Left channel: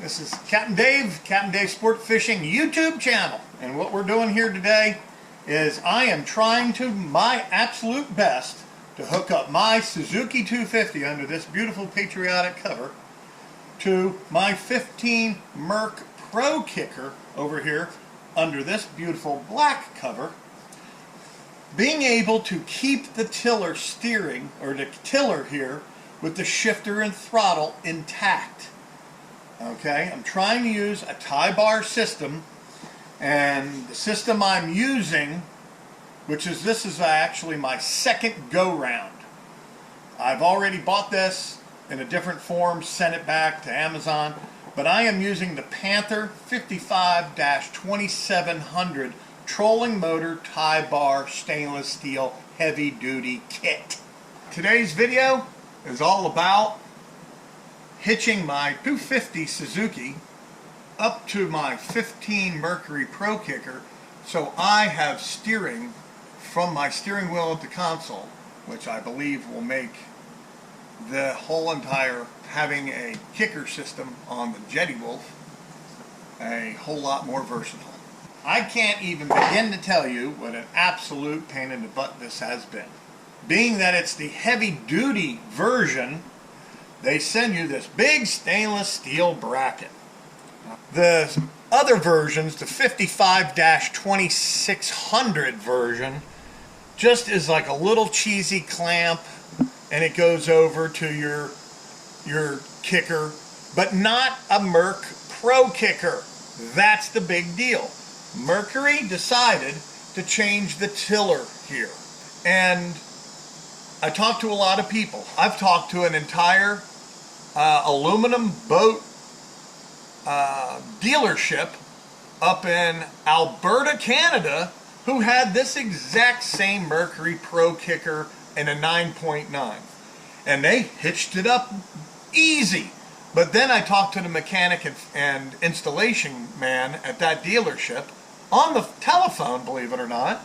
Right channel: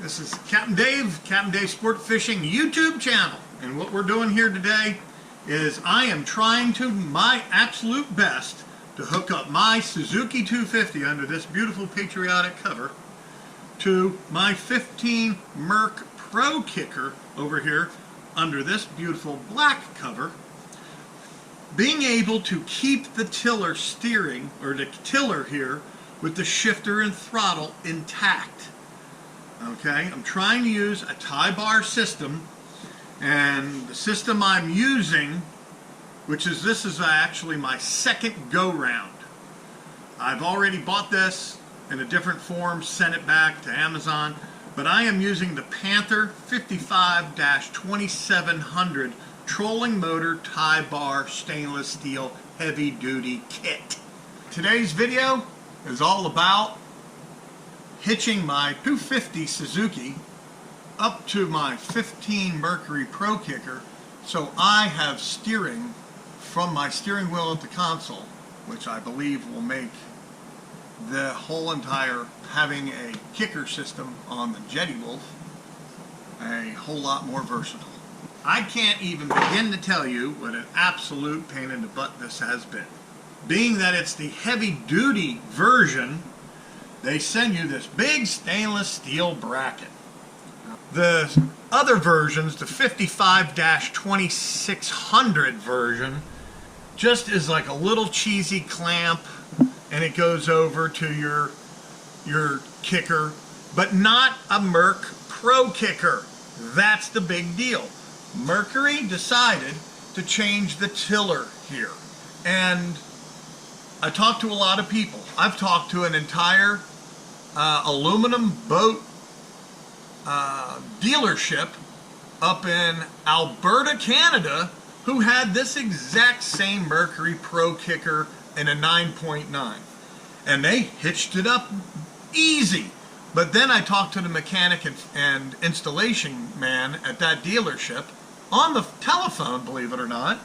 This is Captain Dave Sport Fishing YouTube channel, and what we're doing here today is I am trying to my absolute best to hook up my Suzuki 250 under this beautiful patriotic cover to my 15 MERC Pro Kicker over here under this beautiful black cover, being able to keep the tiller steering, or the tiller here, with the shifter and throttle intact. Okay, I'm trying to use a tie bar system, and the system I'm using, this is actually my second go round. I've already bought this in a different form, sent it back to Amazon, but I am using the Panther 55-2700 trolling motor tie bar stainless steel heavy duty kit. Today's video is all about hitching my 250 Suzuki up to my 15 Mercury Pro Kicker, so I have steering from my steering wheel at the console, which I believe will make the whole entire having a kicker system on the Jetty Wolf a whole lot more versatile. I can't even begin to tell you what an absolute pain in the butt this has been. Being that it's the heavy duty version, they send you this big stainless steel bracket. The other versions, the 55-2600 version, just is like a little cheesy clamp, and it goes over to your kicker, but not a MERC Pro Kicker. That's the big deal. Mercury decided to change the tiller here, and I talked to a lot of people. I've talked to an entire aluminum boat dealership up in Alberta, Canada, who had this exact same Mercury Pro Kicker in a 9.9, and they hitched it up easy. But then I talked to the mechanic and installation man at that dealership on the telephone, believe it or not,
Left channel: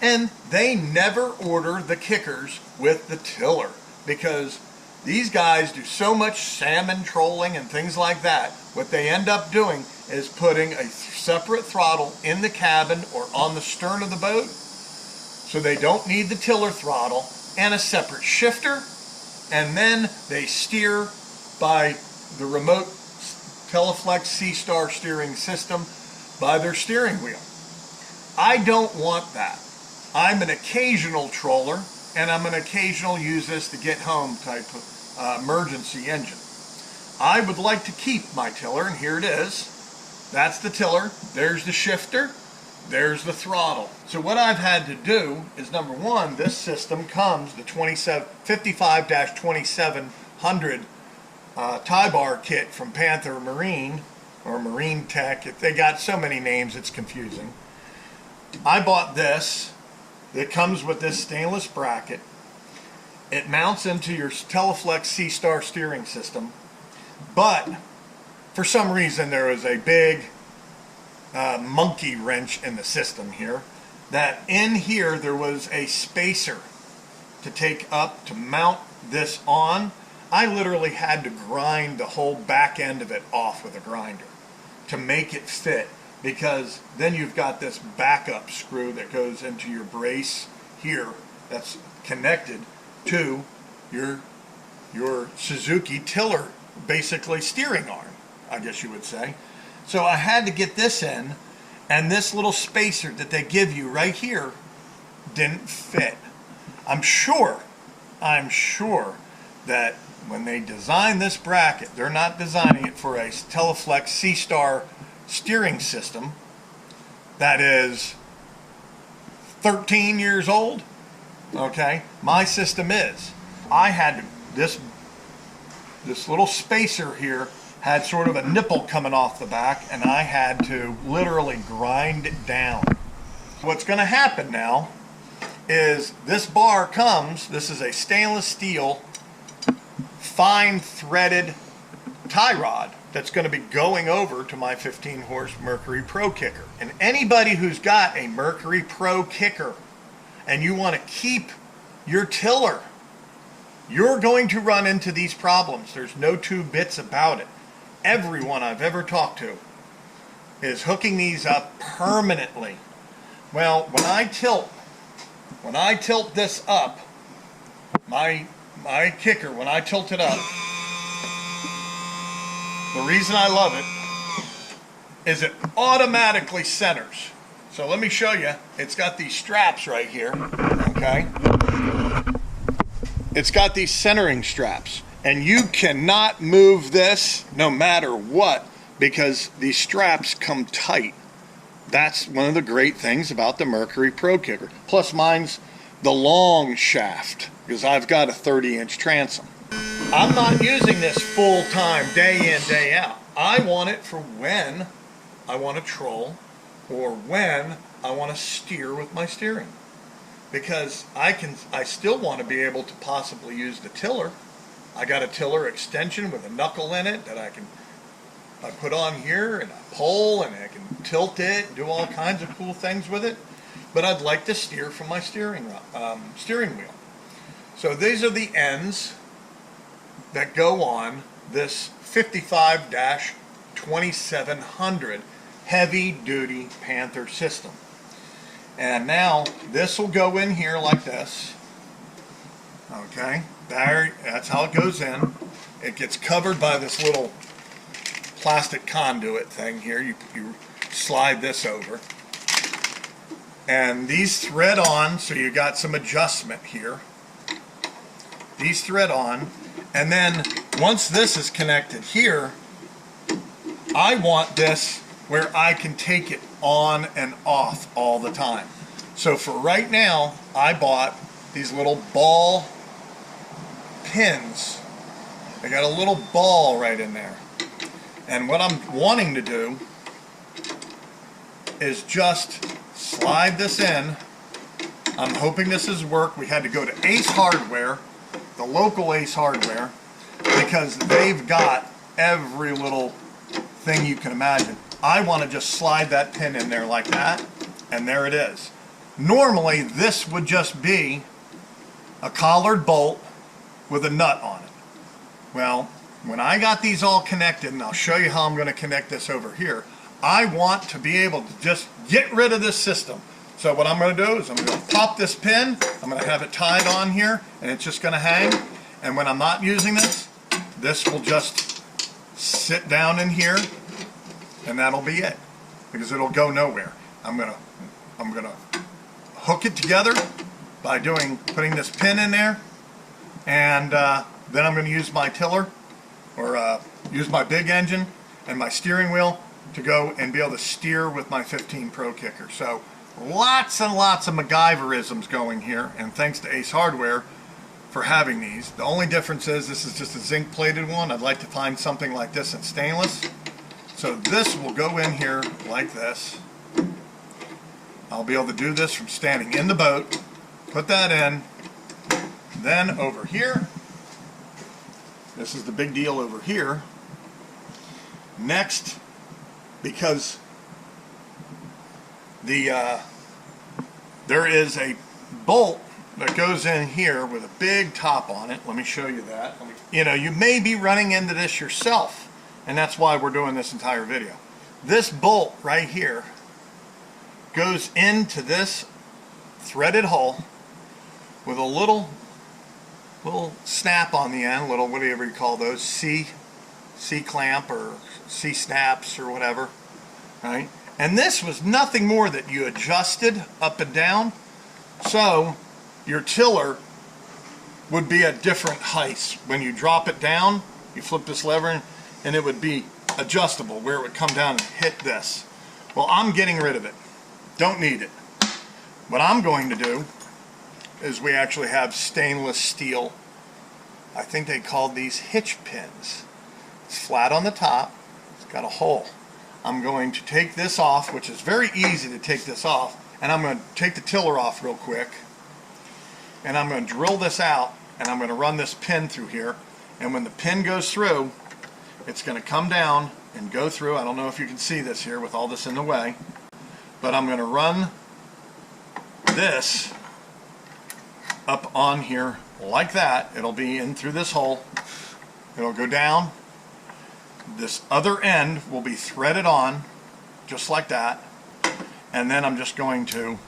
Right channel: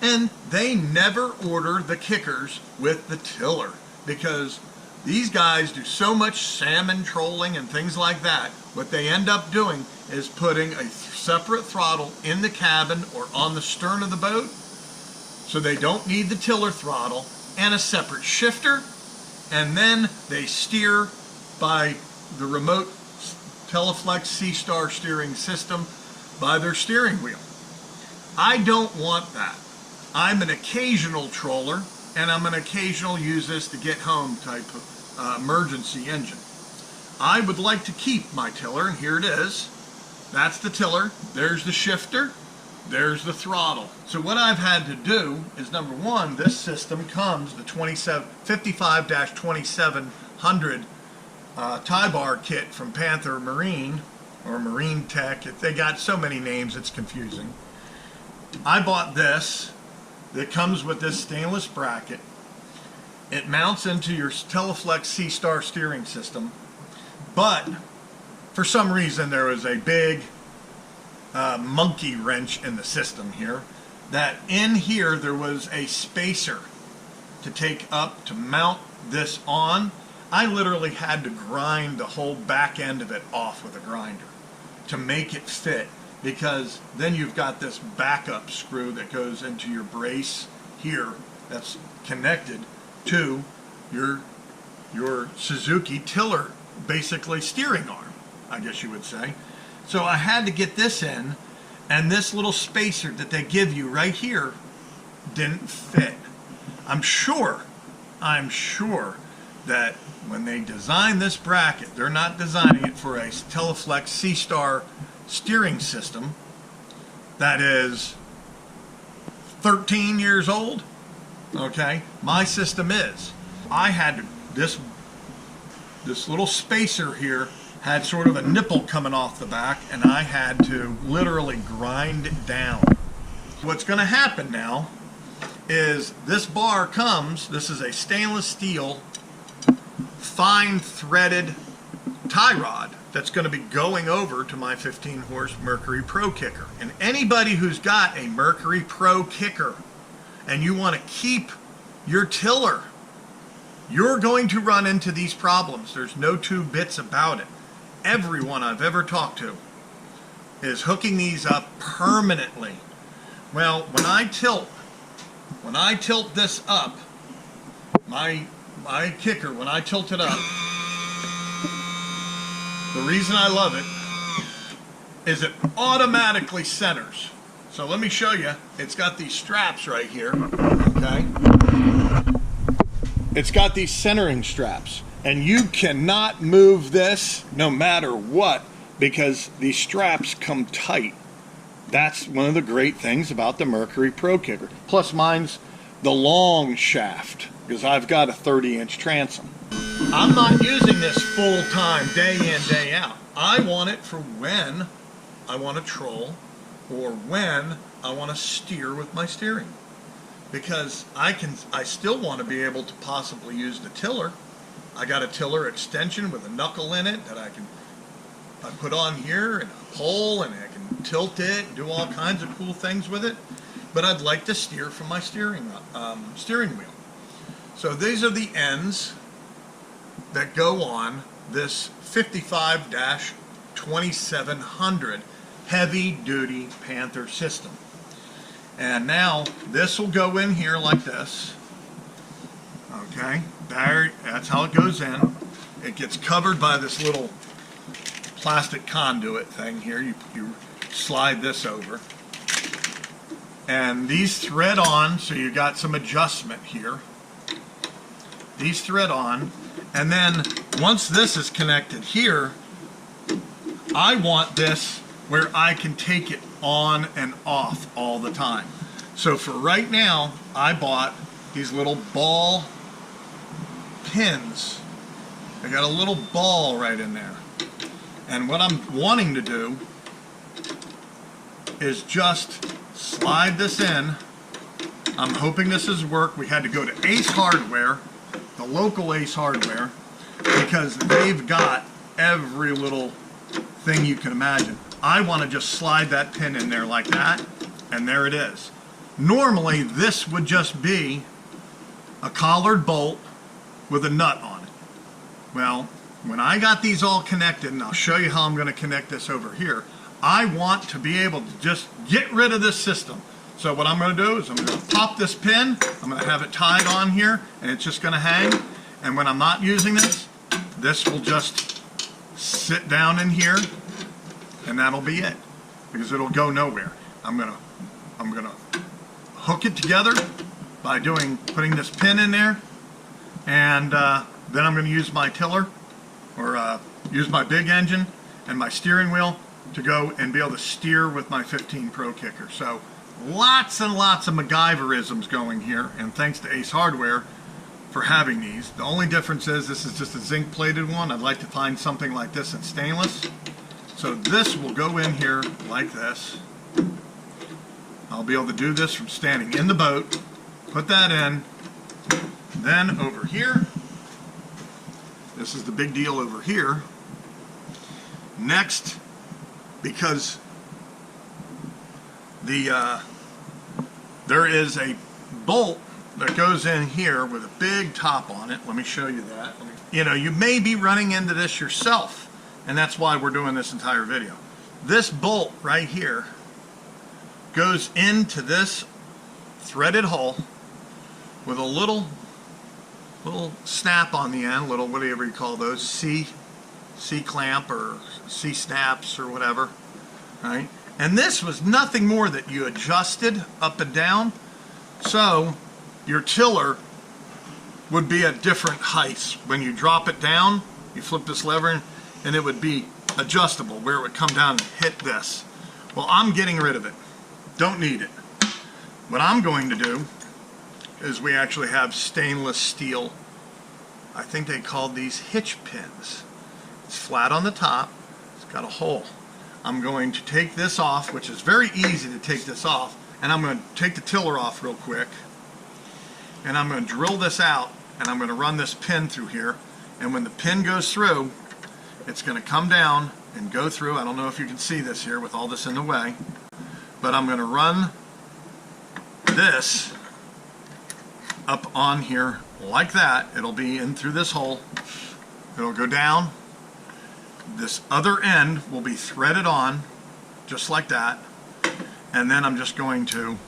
and they never order the kickers with the tiller, because these guys do so much salmon trolling and things like that. What they end up doing is putting a separate throttle in the cabin or on the stern of the boat, so they don't need the tiller throttle, and a separate shifter, and then they steer by the remote Teleflex C-Star steering system by their steering wheel. I don't want that. I'm an occasional troller, and I'm an occasional use this to get home type of emergency engine. I would like to keep my tiller, and here it is. That's the tiller, there's the shifter, there's the throttle. So what I've had to do is, number one, this system comes, the 55-2700 tie bar kit from Panther Marine, or Marine Tech. They got so many names, it's confusing. I bought this. It comes with this stainless bracket. It mounts into your Teleflex C-Star steering system, but for some reason there was a big monkey wrench in the system here, that in here there was a spacer to take up to mount this on. I literally had to grind the whole back end of it off with a grinder to make it fit, because then you've got this backup screw that goes into your brace here that's connected to your Suzuki tiller, basically steering arm, I guess you would say. So I had to get this in, and this little spacer that they give you right here didn't fit. I'm sure that when they design this bracket, they're not designing it for a Teleflex C-Star steering system that is 13 years old. Okay, my system is. I had this little spacer here had sort of a nipple coming off the back, and I had to literally grind it down. What's going to happen now is this bar comes, this is a stainless steel fine threaded tie rod that's going to be going over to my 15 horse Mercury Pro Kicker. And anybody who's got a Mercury Pro Kicker and you want to keep your tiller, you're going to run into these problems. There's no two bits about it. everyone I've ever talked to is hooking these up permanently. Well, when I tilt this up, my kicker, when I tilt it up, the reason I love it is it automatically centers. So let me show you. It's got these straps right here, okay? It's got these centering straps, and you cannot move this no matter what because these straps come tight. That's one of the great things about the Mercury Pro Kicker. Plus mine's the long shaft because I've got a 30-inch transom. I'm not using this full time, day in, day out. I want it for when I want to troll or when I want to steer with my steering. Because I still want to be able to possibly use the tiller. I got a tiller extension with a knuckle in it that I put on here and a pole, and I can tilt it and do all kinds of cool things with it. But I'd like to steer from my steering wheel. So these are the ends that go on this 55-2700 heavy duty Panther system. And now this will go in here like this. Okay, there, that's how it goes in. It gets covered by this little plastic conduit thing here. You slide this over. And these thread on, so you got some adjustment here. These thread on, and then once this is connected here, I want this where I can take it on and off all the time. So for right now, I bought these little ball pins. They got a little ball right in there. And what I'm wanting to do is just slide this in. I'm hoping this has worked. We had to go to Ace Hardware, the local Ace Hardware, because they've got every little thing you can imagine. I want to just slide that pin in there like that, and there it is. Normally, this would just be a collared bolt with a nut on it. Well, when I got these all connected, and I'll show you how I'm going to connect this over here, I want to be able to just get rid of this system. So what I'm going to do is I'm going to pop this pin, I'm going to have it tied on here, and it's just going to hang. And when I'm not using this, this will just sit down in here, and that'll be it, because it'll go nowhere. I'm gonna hook it together by putting this pin in there, and then I'm going to use my tiller, or use my big engine and my steering wheel to go and be able to steer with my 15 Pro Kicker. So lots and lots of MacGyverisms going here, and thanks to Ace Hardware for having these. The only difference is this is just a zinc plated one. I'd like to find something like this in stainless. So this will go in here like this. I'll be able to do this from standing in the boat, put that in, then over here, this is the big deal over here. Next, because there is a bolt that goes in here with a big top on it. Let me show you that. You know, you may be running into this yourself, and that's why we're doing this entire video. This bolt right here goes into this threaded hole with a little snap on the end, little whatever you call those, C-clamp or C-snaps or whatever, right? And this was nothing more that you adjusted up and down, so your tiller would be at different heights. When you drop it down, you flip this lever and it would be adjustable where it would come down and hit this. Well, I'm getting rid of it. Don't need it. What I'm going to do is we actually have stainless steel, I think they called these hitch pins. It's flat on the top, it's got a hole. I'm going to take this off, which is very easy to take this off, and I'm going to take the tiller off real quick, and I'm going to drill this out, and I'm going to run this pin through here, and when the pin goes through, it's going to come down and go through. I don't know if you can see this here with all this in the way, but I'm going to run this up on here like that. It'll be in through this hole. It'll go down. This other end will be threaded on just like that, and then I'm just going to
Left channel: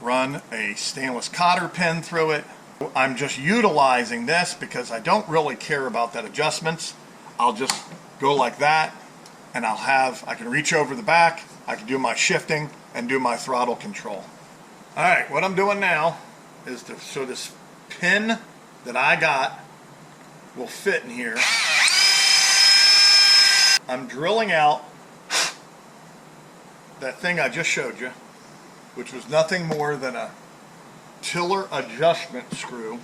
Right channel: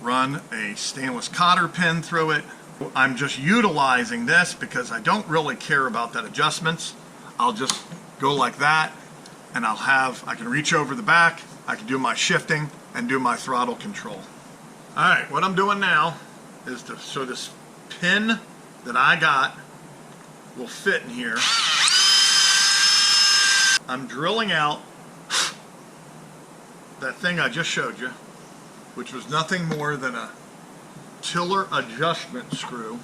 run a stainless cotter pin through it. I'm just utilizing this because I don't really care about that adjustments. I'll just go like that, and I can reach over the back, I can do my shifting and do my throttle control. All right, what I'm doing now is so this pin that I got will fit in here. I'm drilling out that thing I just showed you, which was nothing more than a tiller adjustment screw.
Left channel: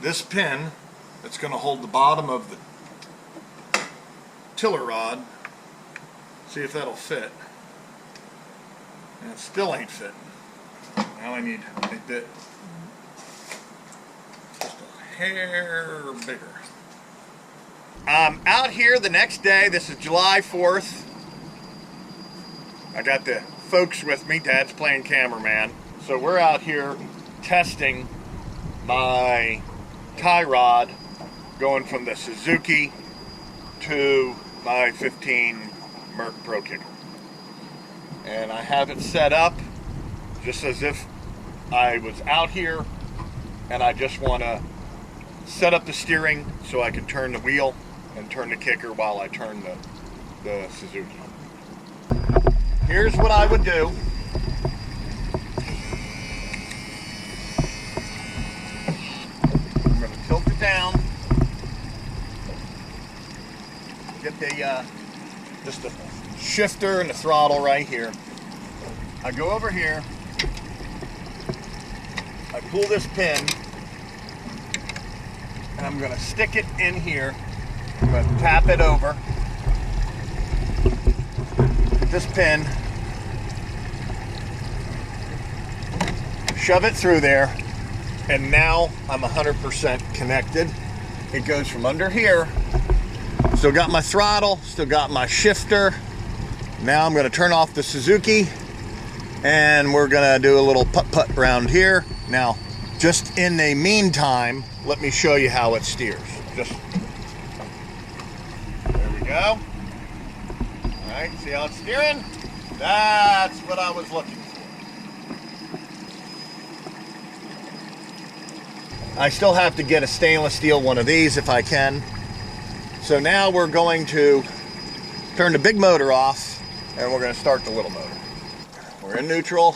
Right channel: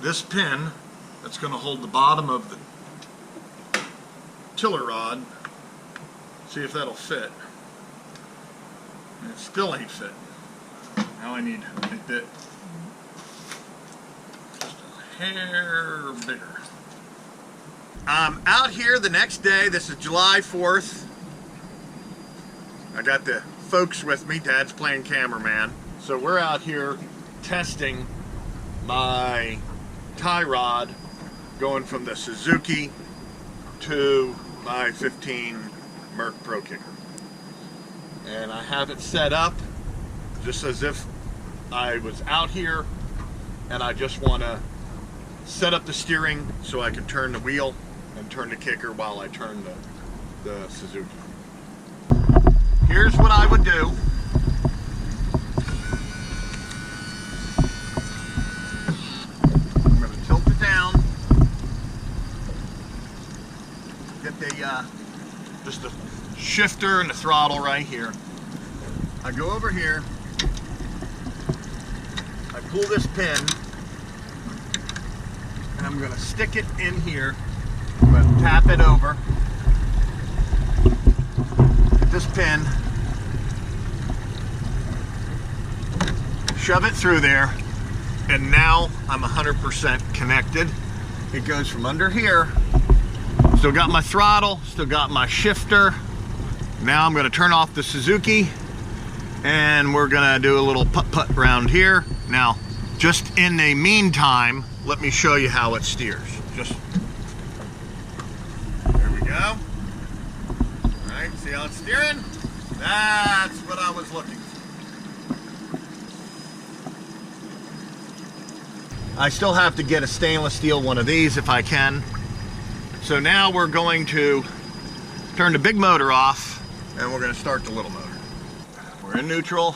This pin that's going to hold the bottom of the tiller rod, see if that'll fit. And it still ain't fitting. Now I need a bit, just a hair bigger. I'm out here the next day. This is July 4th. I got the folks with me. Dad's playing cameraman. So we're out here testing my tie rod going from the Suzuki to my 15 MERC Pro Kicker. And I have it set up just as if I was out here and I just want to set up the steering so I can turn the wheel and turn the kicker while I turn the Suzuki. Here's what I would do. I'm going to tilt it down, get the just the shifter and the throttle right here. I go over here, I pull this pin, and I'm going to stick it in here. I'm going to tap it over, get this pin, shove it through there, and now I'm 100% connected. It goes from under here. Still got my throttle, still got my shifter. Now I'm going to turn off the Suzuki, and we're going to do a little putt-putt around here. Now, just in the meantime, let me show you how it steers. Just there we go. All right, see how it's steering? That's what I was looking for. I still have to get a stainless steel one of these if I can. So now we're going to turn the big motor off, and we're going to start the little motor. We're in neutral.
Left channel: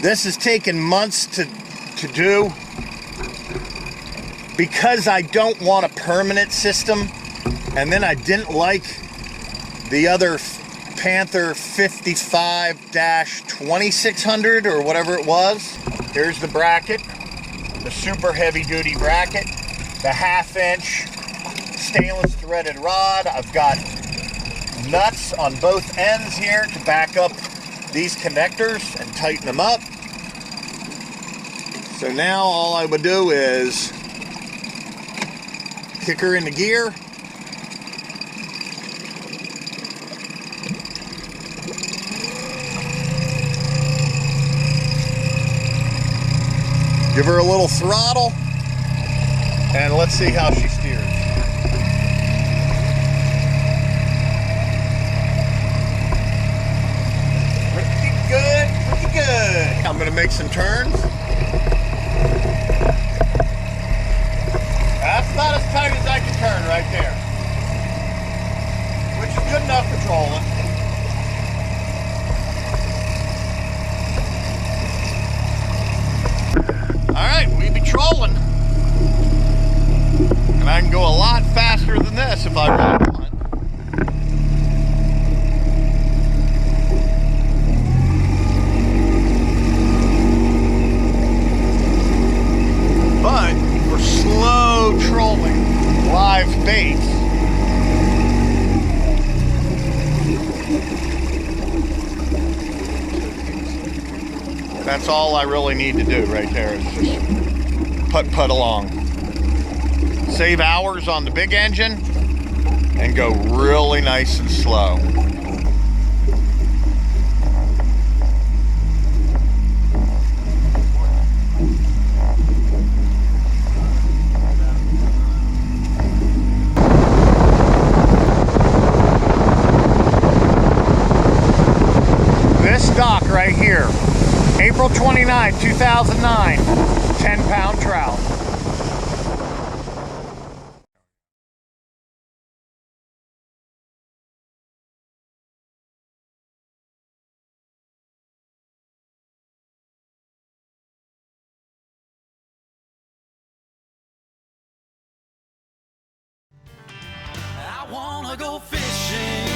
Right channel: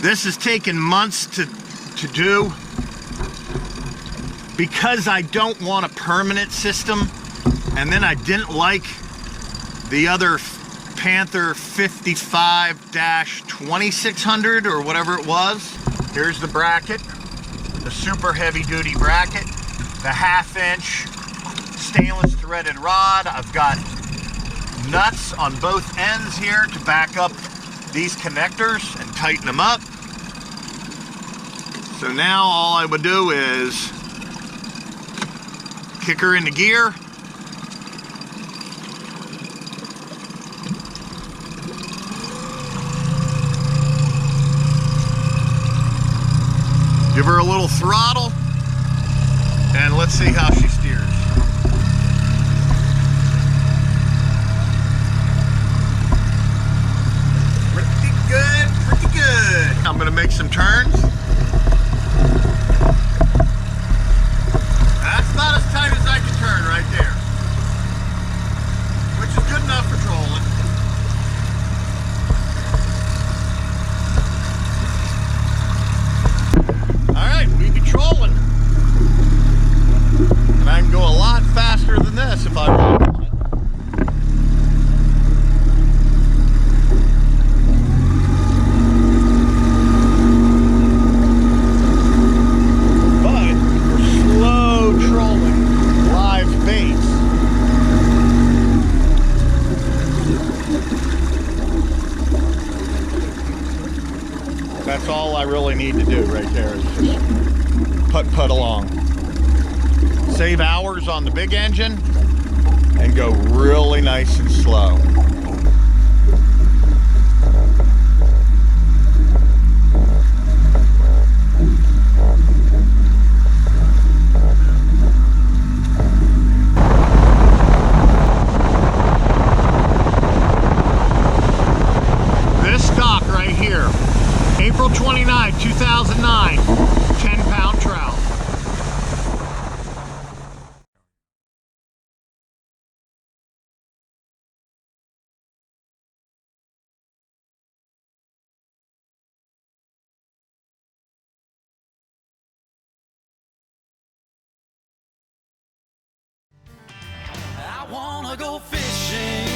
This has taken months to do because I don't want a permanent system, and then I didn't like the other Panther 55-2600 or whatever it was. Here's the bracket, the super heavy duty bracket, the 1/2-inch stainless threaded rod. I've got nuts on both ends here to back up these connectors and tighten them up. So now all I would do is kick her into gear. Give her a little throttle, and let's see how she steers. Pretty good, pretty good. I'm gonna make some turns. That's about as tight as I can turn right there, which is good enough for trolling. Alright, we be trolling. And I can go a lot faster than this if I really want. But for slow trolling live baits, that's all I really need to do right there is just putt along. Save hours on the big engine and go really nice and slow. April 29, 2009, 10-pound trout. I wanna go fishing,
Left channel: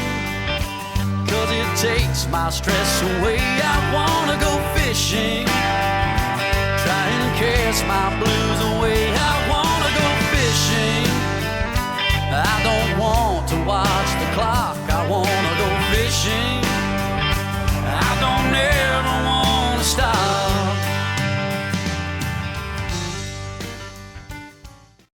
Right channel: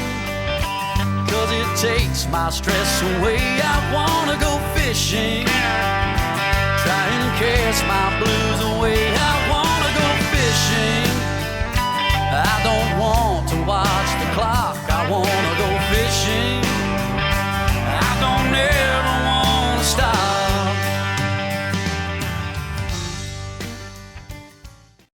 'cause it takes my stress away. I wanna go fishing, try and cast my blues away. I wanna go fishing, I don't want to watch the clock. I wanna go fishing.